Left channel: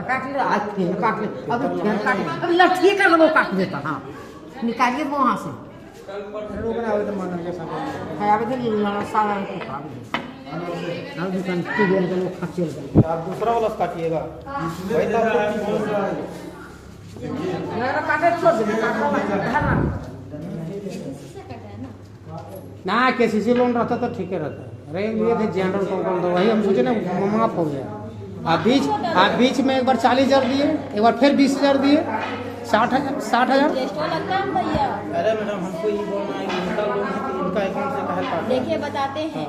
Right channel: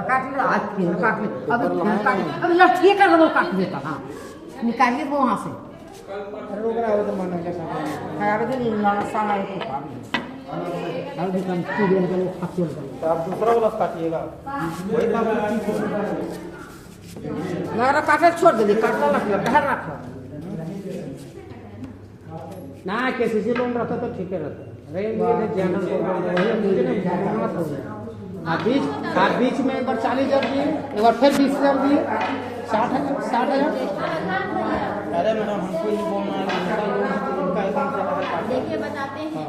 काट ले आज फिर काट ले अब लठिए कर वो काट देता। हाँ निकालिए वो वहाँ से रोक रहा हो तो मन के साथ खराब थे ना साला को काट अब दुकान की देर को खचल कर आप दूसरा वाला काटिएगा वही तो हमारा काटे छोड़ दे काटवा मत है ना केसीसी लोन रहता तो ठीक रहता अरे ये थे जनरल प्रोग्राम तो वही हम सोचे ना माफ हो गया। आप बीच में एक बार 40,000 दिए एक बार फिर 20,000 दिए 60,000। अरे मैडम हमको ये बोलना है उनका अकाउंट से बाहर काट देखिए बताते हैं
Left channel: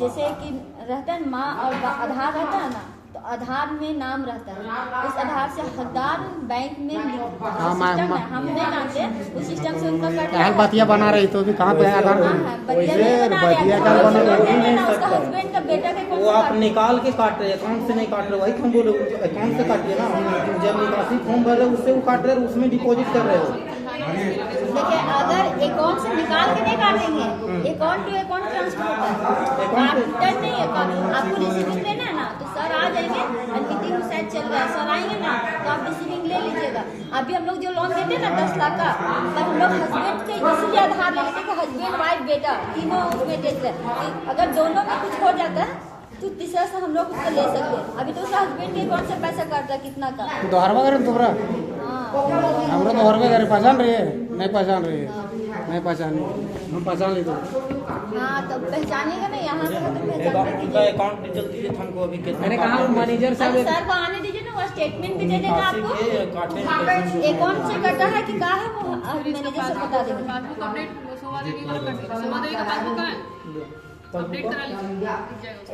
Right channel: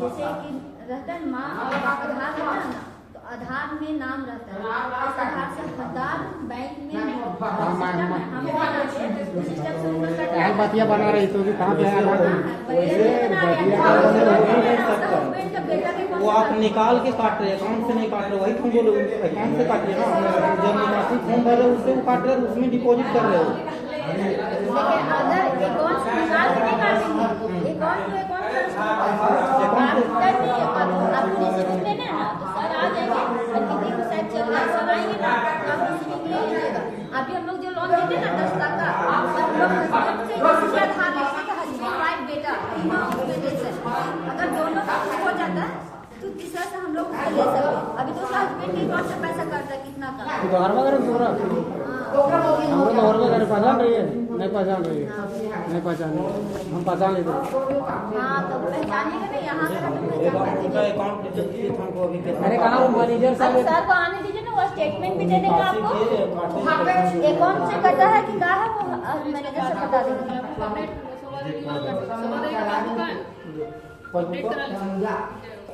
जैसे कि रहता है माँ और आधार रहता है ना तो आधार में नाम रहता है उस आधार से हकदार बैंक में सिस्टम है हम नहीं जानते उस सिस्टम से उनका यार बतिया बना रही तो भी कहाँ पे है हस्बैंड का बेटा के वो आप निकाल के काट रहे अकाउंट से नहीं काट रहे वही तुम बोलो अकाउंट से काटिए ना जब निकासी फॉर्म भर रहे उससे वो काट रहे उसमें डिपॉजिट कर रहे हो। देखिए अगर अकाउंट से निकाल के नहीं काटेंगे अकाउंट टू अकाउंट ट्रांसफर आपको रिसीविंग लेना है ना तो सर आ जाएंगे मीटिंग शायद चल रहा है सर आएंगे ना तो आप रिसीविंग ले लीजिएगा। अभी हम लोग जो लोन देते हैं ना 10 लाख का हम लोग हस्बैंड से इसीलिए आधार लेते हैं हस्बैंड वाइफ बेटा तीनों उसमें देते हैं अगर दोनों में कुछ हो जाता है तो तीसरा से हम लोग उसको ले सकते हैं। अभी तो उसका हस्बैंड के अकाउंट से पैसा कट रहा है कितना का दोहर वगैरह तुम्हारा हम लोग दोहर वगैरह पहचान रही है नहीं पहचान रही है नहीं पहचान हम पहचान लेते हाँ तो पहचानिएगा ना यहाँ पे उनका अकाउंट डिटेल दीजिए हमको अभी अरे कहाँ मैनेजर साहब सर को आने दीजिए ना वो स्टेटमेंट भी दे देगा आपको अकाउंट से कटा है कि कहा है वो मैनेजर से बता देंगे।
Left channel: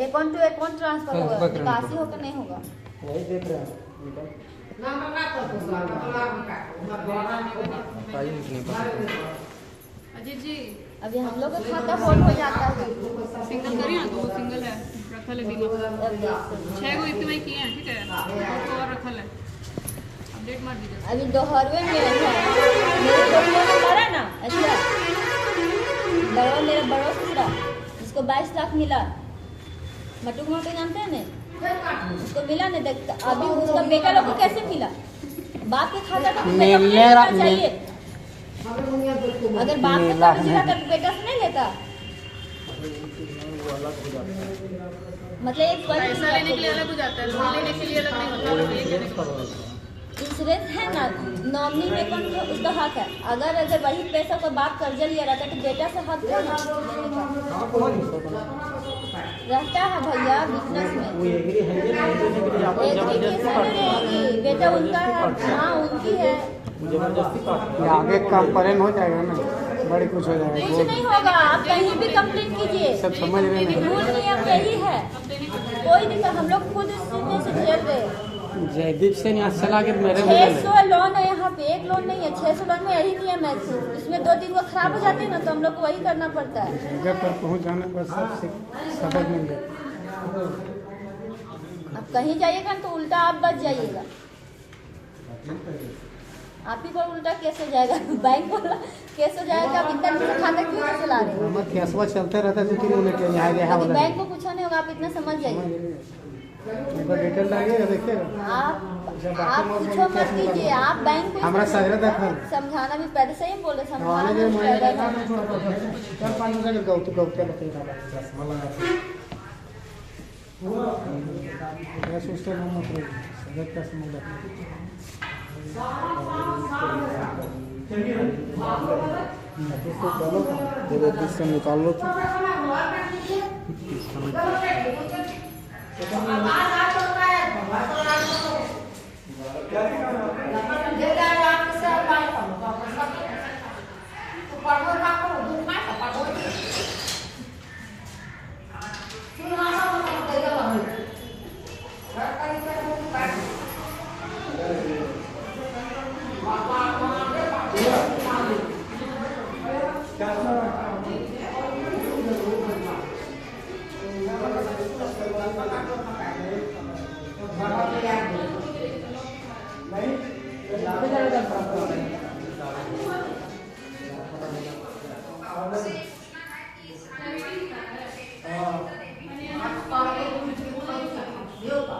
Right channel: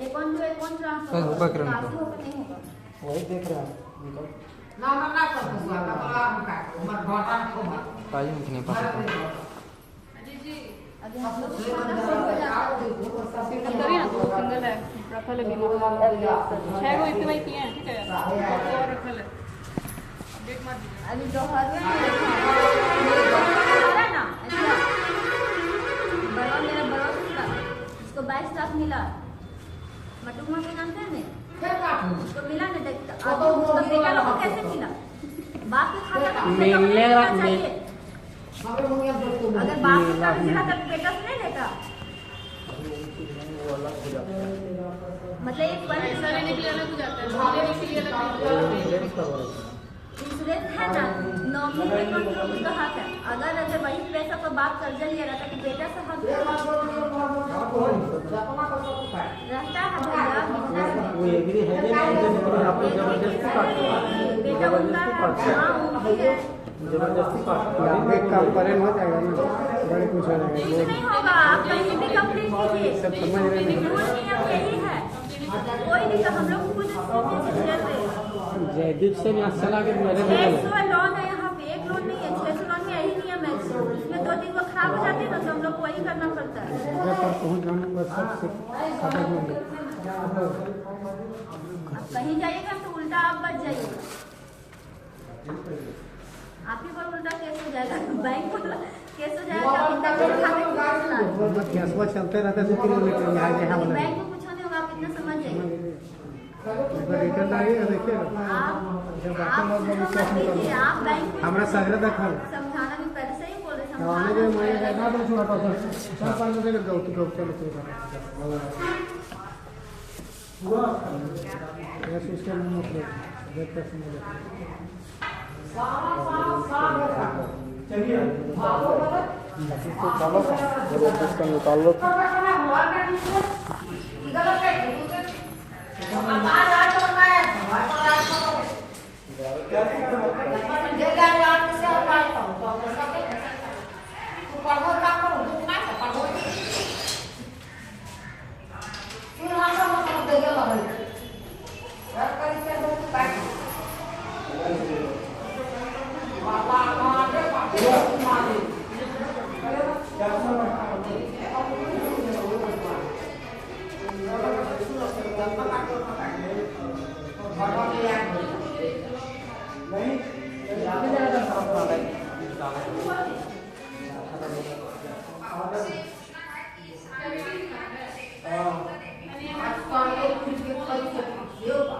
अकाउंट टू अकाउंट ट्रांसफर होगा काशी होगा नहीं होगा वही देख रहे हैं अजीत जी अभी हम लोग का खाता होल्ड हो जाता है सिंगल करिए ना तो वो सिंगल है रखल है बीमा 6 गो ईपीआई किए हैं ठीक है और रखल है अपडेट मार दीजिए। अभी दोहरवे में है मेरे दोनों का भरा ना अच्छा बड़ा मेरा बड़ा पूरा इसको 22 लाख मिला मटू कुमार को जानते हैं नहीं उसको मिला नहीं देखता अभी उसका बेटा लोग को कैसे मिला बाप के खाता का बेटा को चाहिए अगर बाप के खाता मिला तो बेटा से नहीं लेता मतलब एक पैसा लेने के लिए अलग हो जाता है लोन लेने के लिए अलग नहीं होता है। इंश्योरेंस है ना नॉमिनी में कम उसका हक है अगर वही पैसा को बाप कर्जा लिया रहता तो बेटा से हक रहता है भैया बिजनेस में बेटा उनका हाँ उनकी है आगे काम परेन हो जाएगा ना बड़े कुछ हो जाएगा कुछ नहीं होगा आप कहीं भी कंप्लीट कीजिए सब समझ रहे हैं रूल नियम यही है कोई दिक्कत हम लोग खुद से झेल रहे हैं। जयदीप से यहाँ चला के मेरे 600 लोन है यहाँ पे एक लोन नहीं है 600 लोन में यही नियम है इसमें 2-3 को खराब हो जाते हैं ना तो हम लोग को वही करना पड़ता है जगह पर पहुँच जाने का सबसे सबक मिल गया। अब कहीं जाइएगा तो उल्टा आप बच जाइएगा आप ही पर उल्टा केस हो जाएगा बैंक वाला केस हो जाएगा इतना खाता क्यों चला रहे मत कैसवा चलते रहते तो किलोमीटर यहाँ गया हैं बैंक को कुछ नहीं होगा आप इतना समझ जाइए डिटेल लगेगा देखिए आप कुछ मत कीजिए आप बैंक को हमारा सगरे देखा समझाना भी पहले से ही बोले आने के मैं समझाना ना छोड़ा पड़ता है 4-5 जगह गौतु गौतु मत सिस्टम में देखता समझ तो चलो जब इसका निकाल लो Yo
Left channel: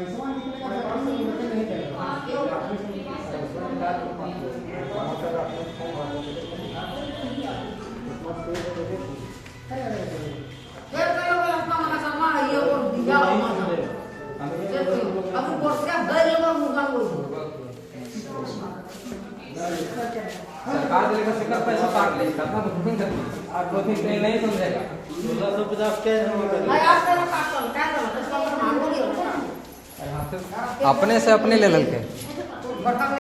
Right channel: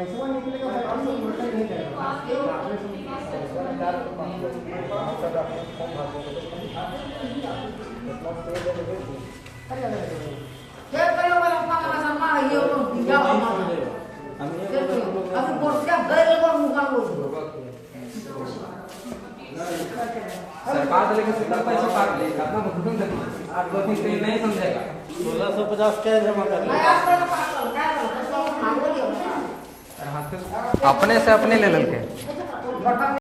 पैसा निकले का काम तो इन्वर्टर नहीं करेगा क्या करो अपना मना sama ये तो दिया अब बोलते हैं गैर और मुका बोल सरकार से लेकर कितना पैसा काट ले कितना भुगतान करेगी आप लोग नहीं समझेगा 1650 क्या जमा करेंगे मैं आपको ना पागल क्या करो कसम मांगो नहीं होता अपने से अपने ले लेके